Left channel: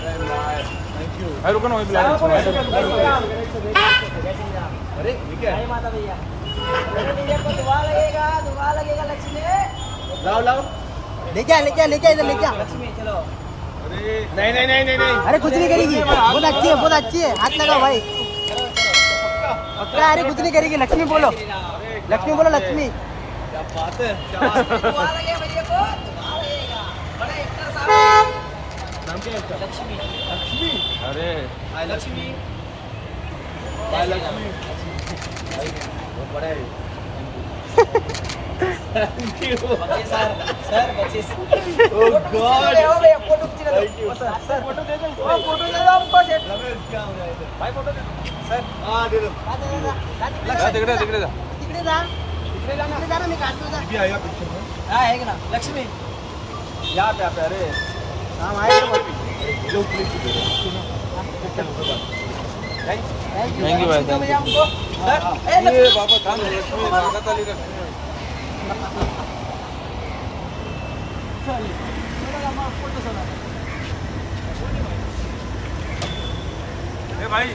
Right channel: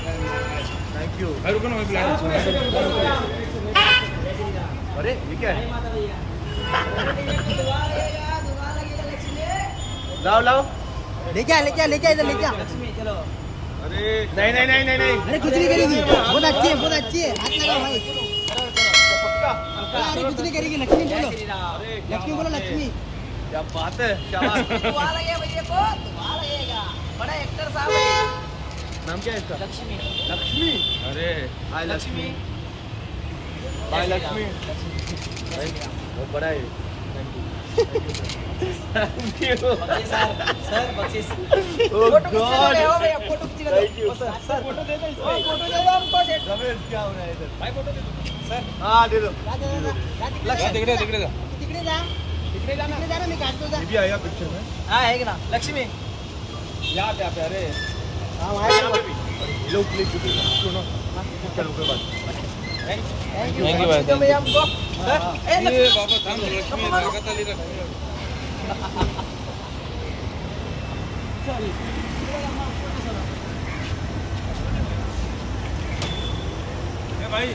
Thank you. रुको ना, वहीं अरे ये क्या है? माता भैया दुआ लगेगा लक्ष्मी। लाओ लाओ, लेके आ इधर लेके आ लक्ष्मी। चलो। अरे नहीं नहीं नहीं नहीं नहीं, अरे कुछ नहीं करेगी, बहुत अच्छी है बहुत अच्छी है, हाथ लगाओ भाई। अरे कुछ नहीं करेगी, लक्ष्मी बोलो, लक्ष्मी बोलो लक्ष्मी। क्या बात है, क्या दुआ लगेगा भैया को, दुआ लगेगा। बड़ा एक्टर साहब। नाम क्या है इसका? लक्ष्मी। लक्ष्मी। अरे हाय लक्ष्मी, हाय लक्ष्मी। बहुत बड़ा है। Thank you sir 25। Oh god, photo thank you sir photo दे दो, फोटो दे दो हमको। क्या हो रहा है इधर? भाई फोटो दे दो सर। हाँ दे दो। दिख रहा दिखने जाना निकाल दो। ये भी आया पिक्चर में। हाँ है ना लक्ष्मी। यहाँ पे आप, अरे हाँ भाई लोग प्लीज सुनो। थैंक यू भाई। भैया हमको। ये बाबा थान लक्ष्मी स्वागत वाली रखनी है।